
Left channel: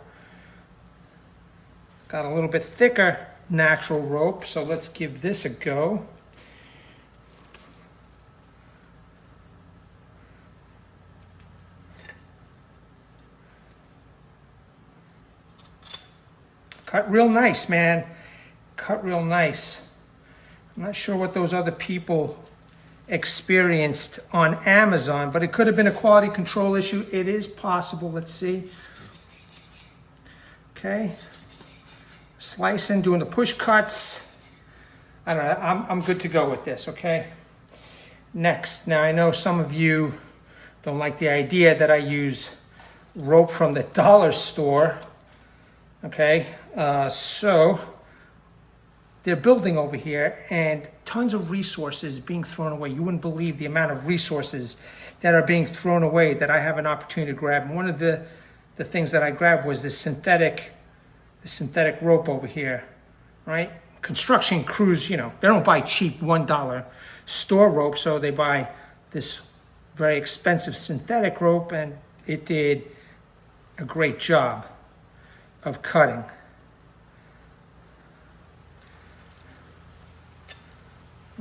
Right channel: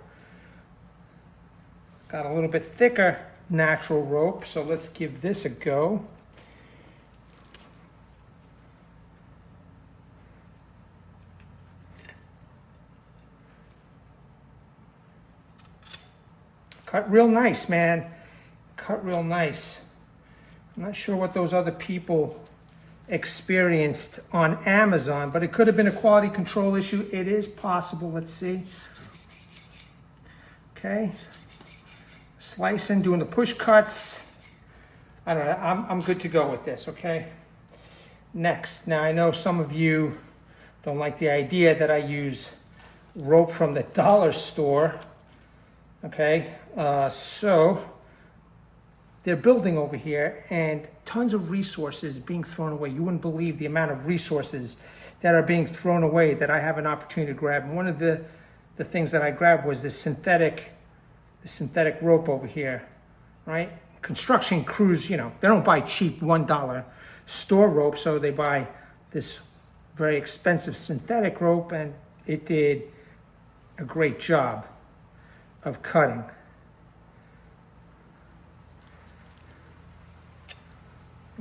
Got a little bit thicker natural rope, so let's give this a go. Cut real nice, man. Cut real nice. I'm not sure what those other people experienced on Amazon, but it could have been a quality control issue. It is possible. Let's see. Okay. Slicing, doing the push cuts. I don't know. I'm good to go with this, okay? Next. Now, I know some of you don't like the idea that I use rope from the dollar store. Okay, so they're building over here and tons of resources being thrown away. You wouldn't believe the amount of resources that are being thrown away that I have an opportunity to grab. And one of the things that I grabbed was this synthetic rope over here, right? Construction crews, you know, they don't buy cheap $1 store rope, so they buy this very expensive synthetic rope, and it did a great job of cutting.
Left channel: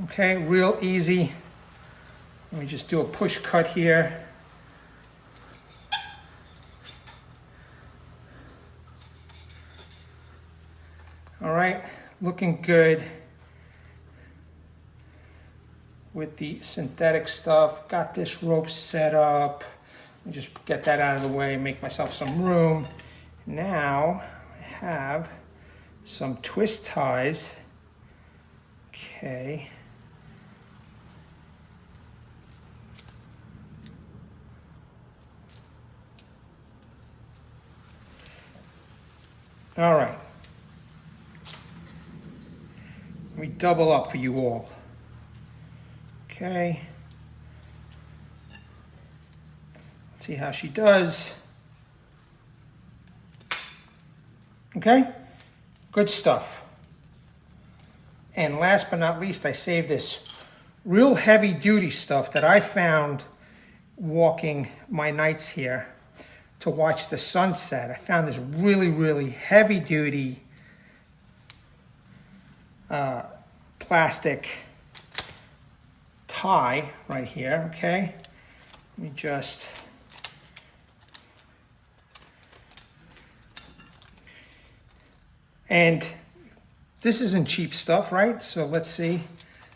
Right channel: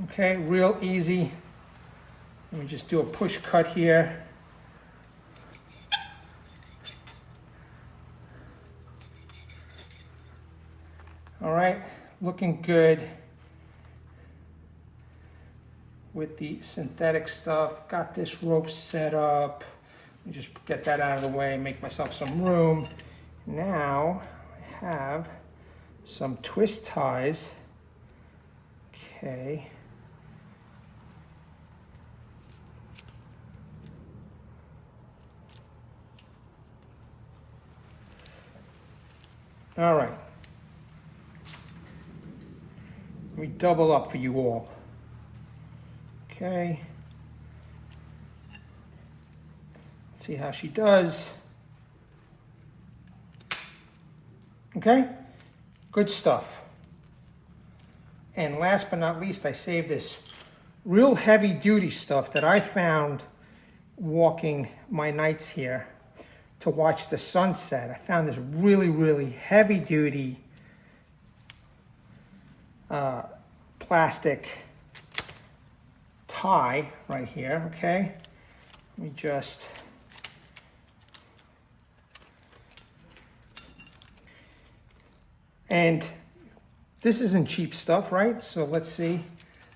Okay, real easy. Let me just do a push cut here. All right, looking good with the synthetic stuff. Got this rope set up. Let me just get that out of the way, make myself some room. Now I have some twist ties. Okay. All right. Let me double up for you all. Okay. Let's see how she does. Okay, good stuff. And last but not least, I saved this real heavy duty stuff that I found walking my nights here to watch the sunset. I found this really, really heavy duty plastic tie right here, okay? Let me just... And this isn't cheap stuff, right? So let's see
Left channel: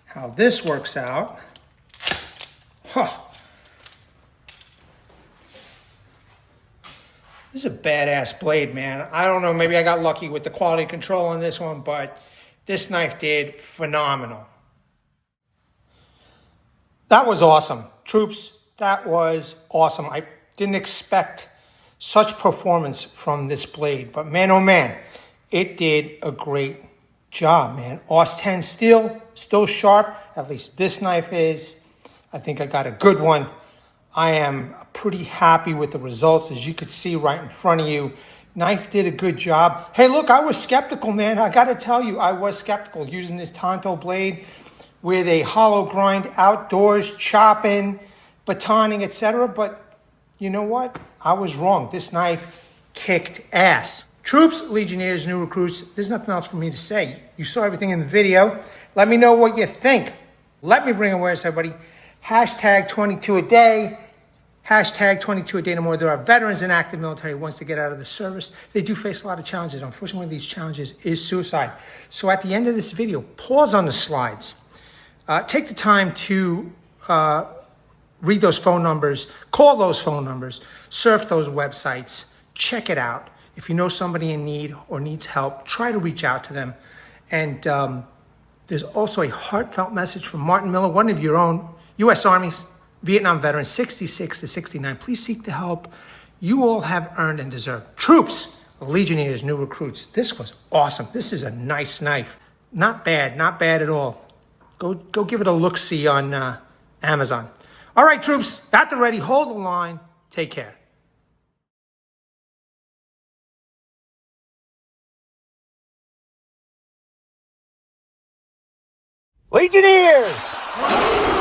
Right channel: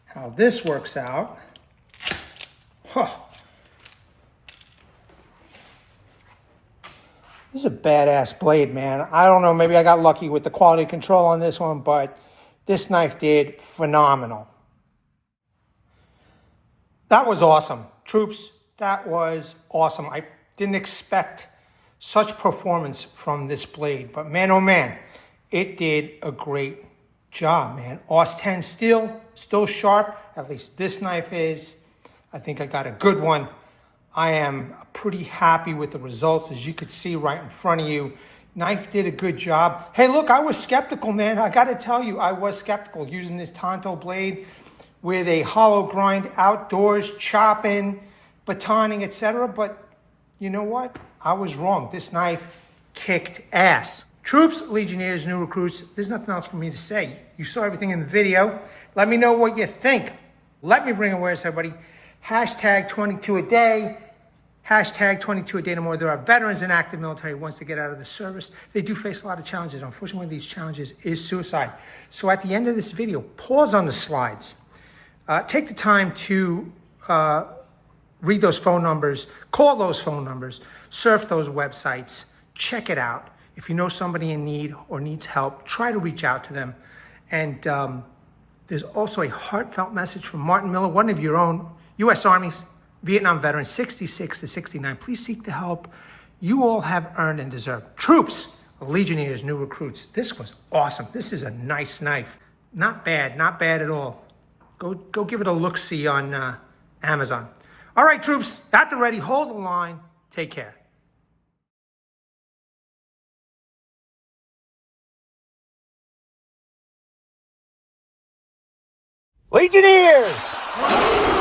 how this works out. Huh. This is a badass blade, man. I don't know, maybe I got lucky with the quality control on this one, but this knife did phenomenal. That was awesome. Troops, that was awesome. I didn't expect such performance from this blade, but man, oh man, it did a great job, man. AUS10 still sharp. At least this knife is. I think I got a good one. I am pretty happy with the results, as you could see right in front of you. Knife did a good job. Hey, look, I was skeptical, man. I got to tell you, I was skeptical using this Tanto blade with a hollow grind outdoors, chopping, batoning, etc. But you know what? I was wrong. This knife kicked ass. Troops, Legionnaires, new recruits, there's nothing else for me to say. You saw everything in the video. Let me know what you think. Let me bring awareness, everybody. Hashtag 22 a day. Hashtag 22 a day no more. There are veterans and active military who wants to get out of the service. They do face a lot of challenges. Unfortunately, one of these challenges is suicide. So at the end of this video, pause on the slides. Take the time to read those phone numbers, call those phone numbers, surf those websites, check it out. If you know somebody in need or needs help, try to reach out to them. And there's also a heartfelt message from Martin Miller, one of your own U.S. Army's Vietnam veterans, 66 to 69. Please seek the help you all have earned and deserve. Troops, Legionnaires, new recruits. This was awesome. This is a nice knife. Not bad at all. Go give it a look-see on Amazon. All right, troops, at the ready. Hold the line. Take care. Legionnaires!